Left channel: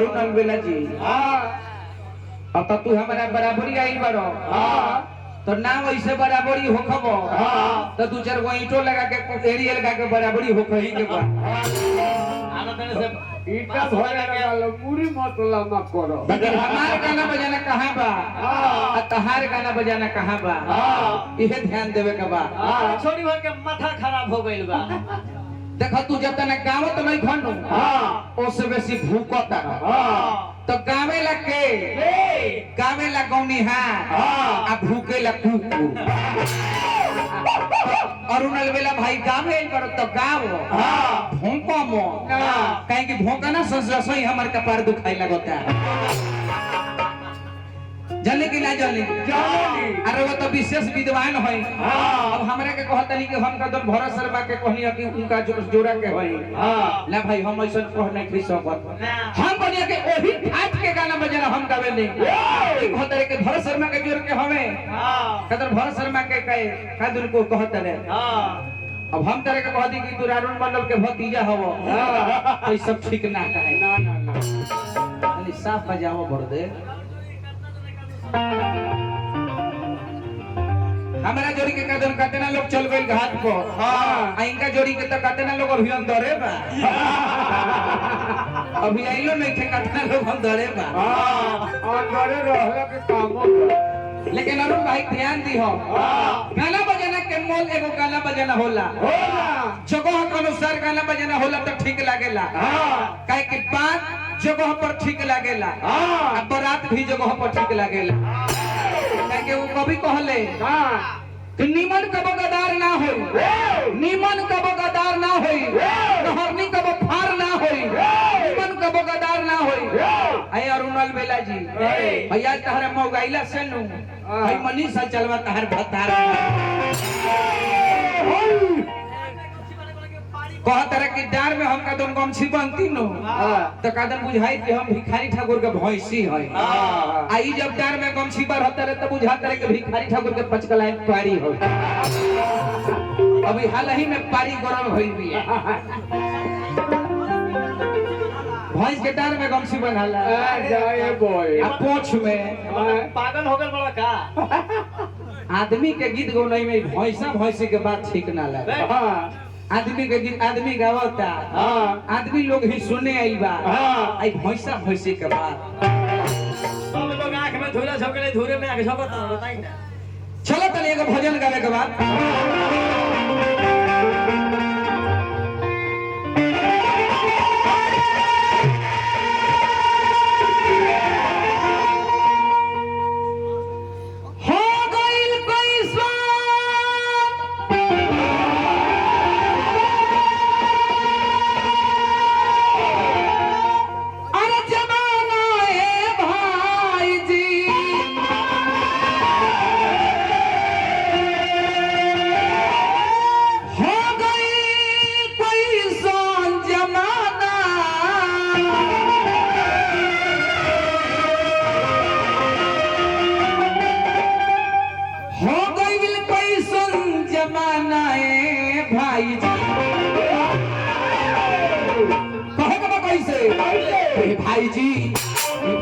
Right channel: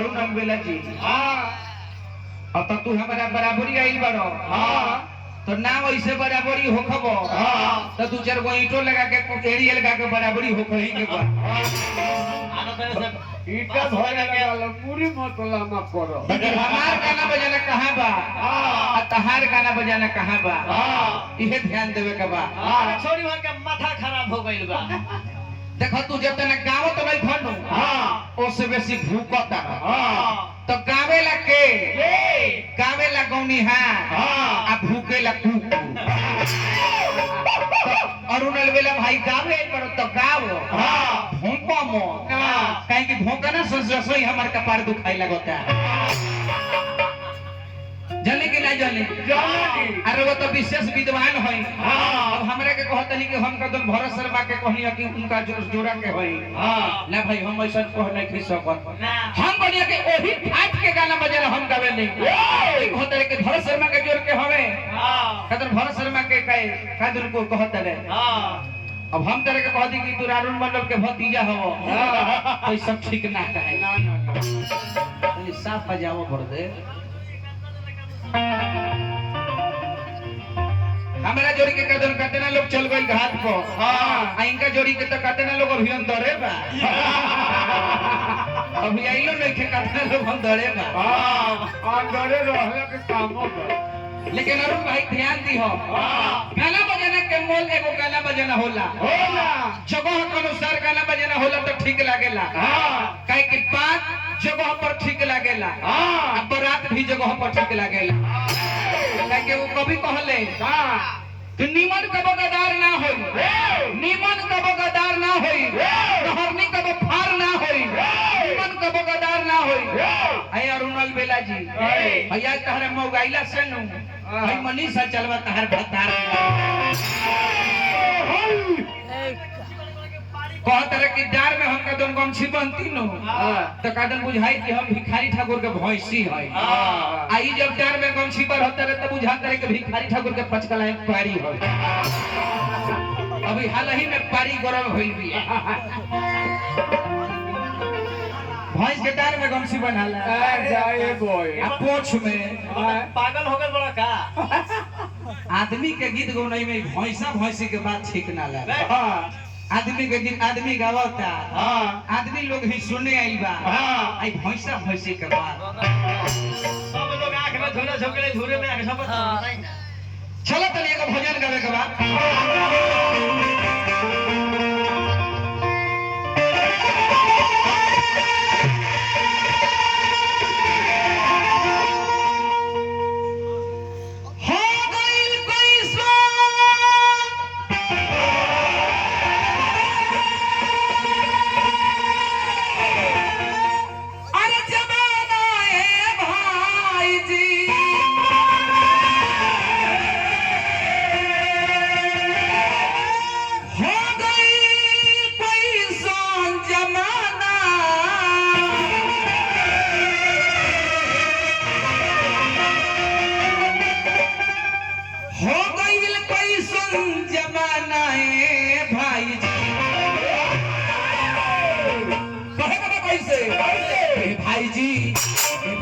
अरुण अलबेला जी अब तो तू हमारा बराबरी आई बड़ो तो नाम ऐसे बराबरी हो खबो तो दू चार गो ईंटो लगा के एरिया लगा के बराबरी हो कहीं के बा ईटा भरा गया पूरी मतला मत करो लेकिन हमार गाना बजाना कहाँ बा और तहार गाना बजाना कहाँ बा इहे ध्यान देवे के बा छोड़ी हो के माथा खराब हो गइल बा देखो तू जब तक गावो तो नहीं खंडू ओसे बेसी भूकता तो गावे ला के गावे ला गौनी आ भूके ला कुकू अरुण अलबेला भाई गावे करो तो गाओ भोंको मो कहीं की भोंकना सोई हमारे कपार दुखाई लगता है जाने के नहीं जाने अरे वो तो विशेष विद्वान है अब हमरा के कहता नहीं कि हम कदम भरत शर्मा के कहनी कि उनका जोड़ा के है ना भाई हम ऐसा कह नहीं खी सकत हम बनिया के ओही फाट के गाना बजाना हम गावे नहीं कहता रे के भरत शर्मा के जोड़ के हवे कदर भरत शर्मा के कहे कादुन को कहता रे अब हम तरह के कह दी कि तू अरुण मंडल के भतीजा हवो तो सब ठीक ना है ना साफ बजाओ भर दे हमारा जोड़ी के कदर कतना लोग चल गए घाट को इनका जोड़ी के तो कतना लोग अभी अंदरे बा अभी आइलो नहीं के कतना लोग अंदरे बा अंदरे रहला के कामो लेकिन अरुण भाई ध्यान दी हो गाना बजाना के मोल एगो गाना बजाना होला जगह के अनुसार गाना बजाना होला तो ठीक लागेला काहे कि बात जगह पर ठीक लागेला आ बारात भी जगह पर ठीक लागेला काहे कि वो कभी कहले कि निमन कबो गदार ना होई निमन कबो गदार ना होई नहरनी कबो फार ना होई निमन कबो गदार ना होई अय अरुण अलबेला जी भैया तहरा मौगाइला सनु भाई मनीषा चलवा तहर भतार कहत रहे कि डार में हम कदम गमछी बनती नो तो कदम बुझाई कि हम भिखारी ठाकुर के भैंसी है आई जब डार में गमछी बढ़ता रहे तब बुझाता रहे कि भिखारी ठाकुर के पचकलाई पारी हो अभी हाल ही में पारी गरम हुई भी भैंस के डार में गमछी बनाला जाए बॉय आ पोछ में पागल हो गए बड़ा का आदमी के गीत गौनाई में भैंसा भैंसी के बात ठीक ना लगे आदमी के गीत आदमी गावता आदमी लोग ही सुने आई बा आई भैंसा भैंसी के बात सब लोग आंख में धूले झोंकले धूले में आंख झोंकत चलो तले एगो भजन गावे के बाद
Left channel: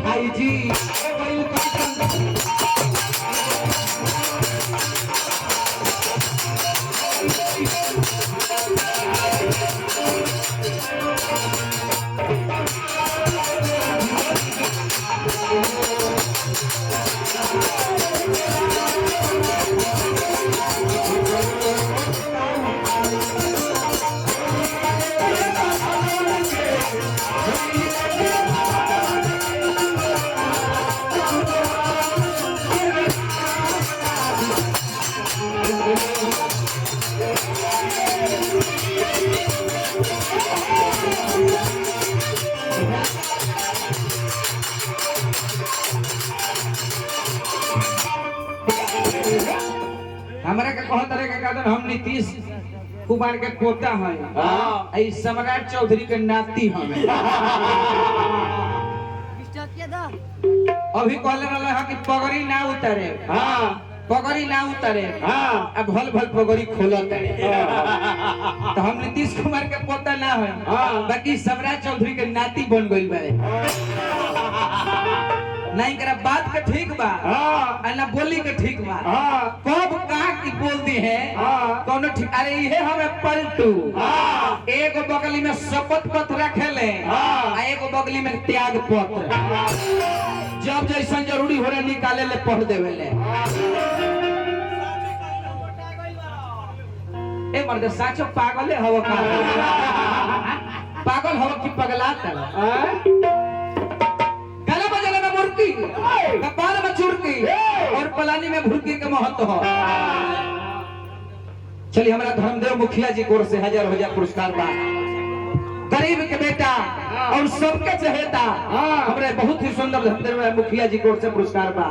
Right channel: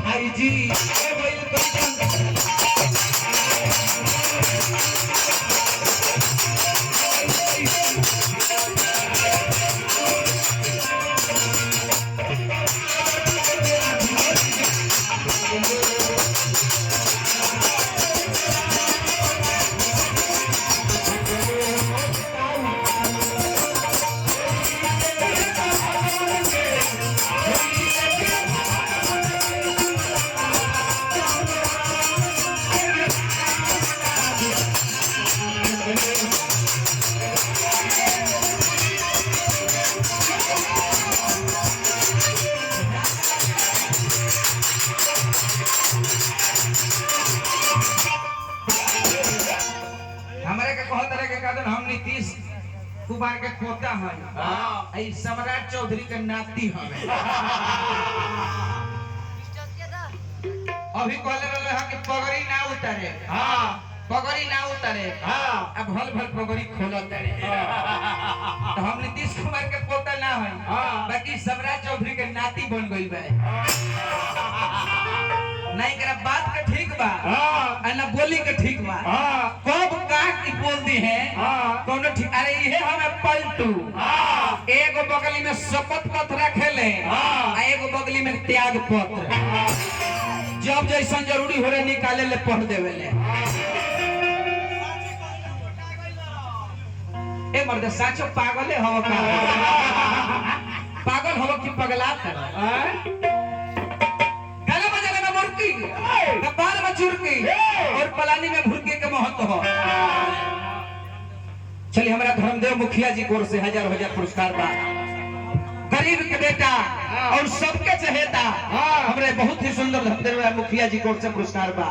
भाई जी हमारे के कहत रहे के कदम हम नीतीश कुमार के पोता है आई सम्राट चौधरी के नाती हमें अभी कहले रहे कि पगड़ी ना उतारे पगड़ी ना उतारे हाँ अब भल भल पगड़ी खोलत है तो हम नीतीश कुमार के पोता ना है हाँ। बाकी सम्राट चौधरी के नाती बन गइल बा नहीं करा बात के ठीक बा हाँ आ ना बोली के ठीक बा हाँ कब का की बोल दी है हाँ। कोनो ठीक अरे इहे हमें पलटू हाँ एगो बगली में शपथ पत्र रखेले हाँ। आ एगो बगली में त्याग पत्र जब जैसा जरूरी हो रहा निकाले ले पढ़ देवे ले ए मर्द साचो पागल है हवा का पागल हवा की पगला तर गला बजाने में मुर्की कपाल में चुरकी और पलानी में भुरकी के महत्व हो चलिए हमारा धर्मदेव मुखिया जी कोर से हजार हजार पुरस्कार बा गरीब के बेटा और सबके चहेता हमरे बहुत ही सुंदर धर्मदेव मुखिया जी कोर से पुरस्कार बा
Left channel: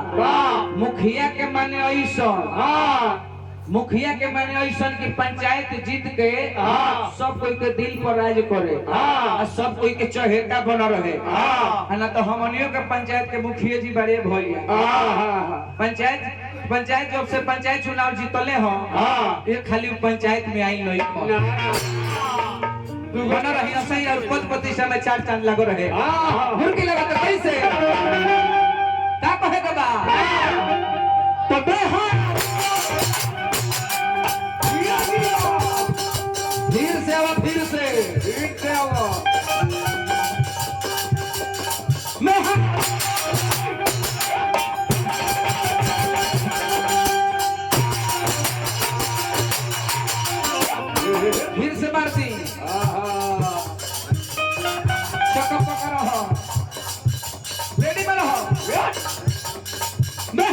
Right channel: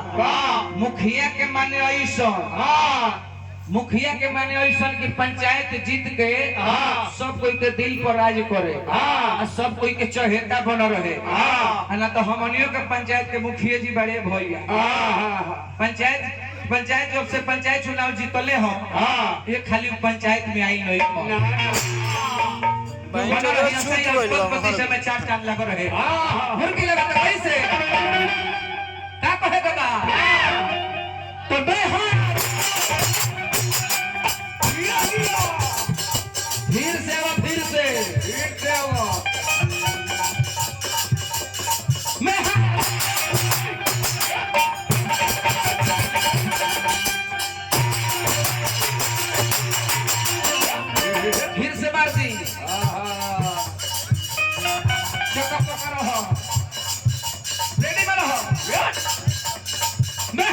मुखिया के माने ऐसा मुखिया के माने ऐसा कि पंचायत जीत के सब कोई के दिल पर राज करे सब कोई के चहेता बन रहे ना तो हमनियों के पंचायत के मुखिया जी बड़े भइया पंचायत जब से पंचायत चुनाव जीतले हो ये खाली पंचायत में आई नहीं बना रही ऐसे ही पति से में चार चांद लग रहे मुर्गी लगा तो कैसे का कहे के बा तो बेहार फिर से मैं फिर से मारती चक्का पकड़ रहो रेडी में रहो मैं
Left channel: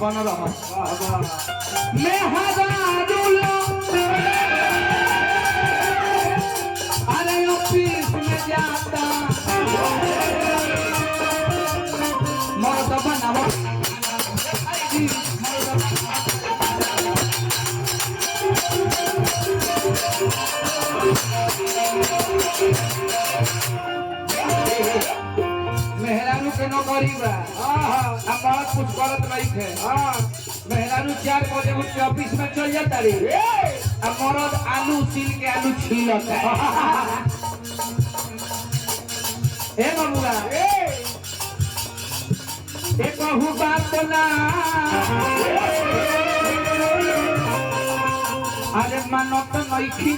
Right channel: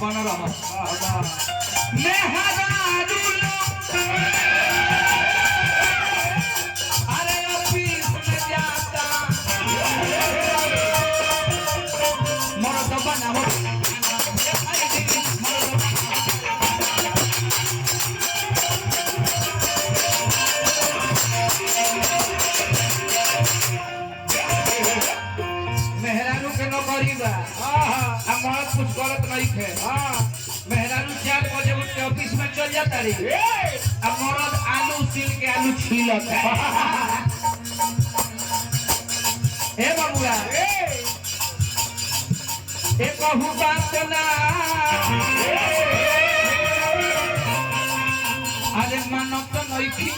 बन रहा मैं हजारूं अरे ऑफिस में जाता मर्द बनावा मेहरारू के नौकरी बा मर्द कुछ करत नहीं थे मेहरारू 4 बजे उठ के ऑफिस में चल जाता रही अब मर्द आलू छील के आलू छीलता ए बबुआ ए कहू बात ना अरे मानो तो नहीं खी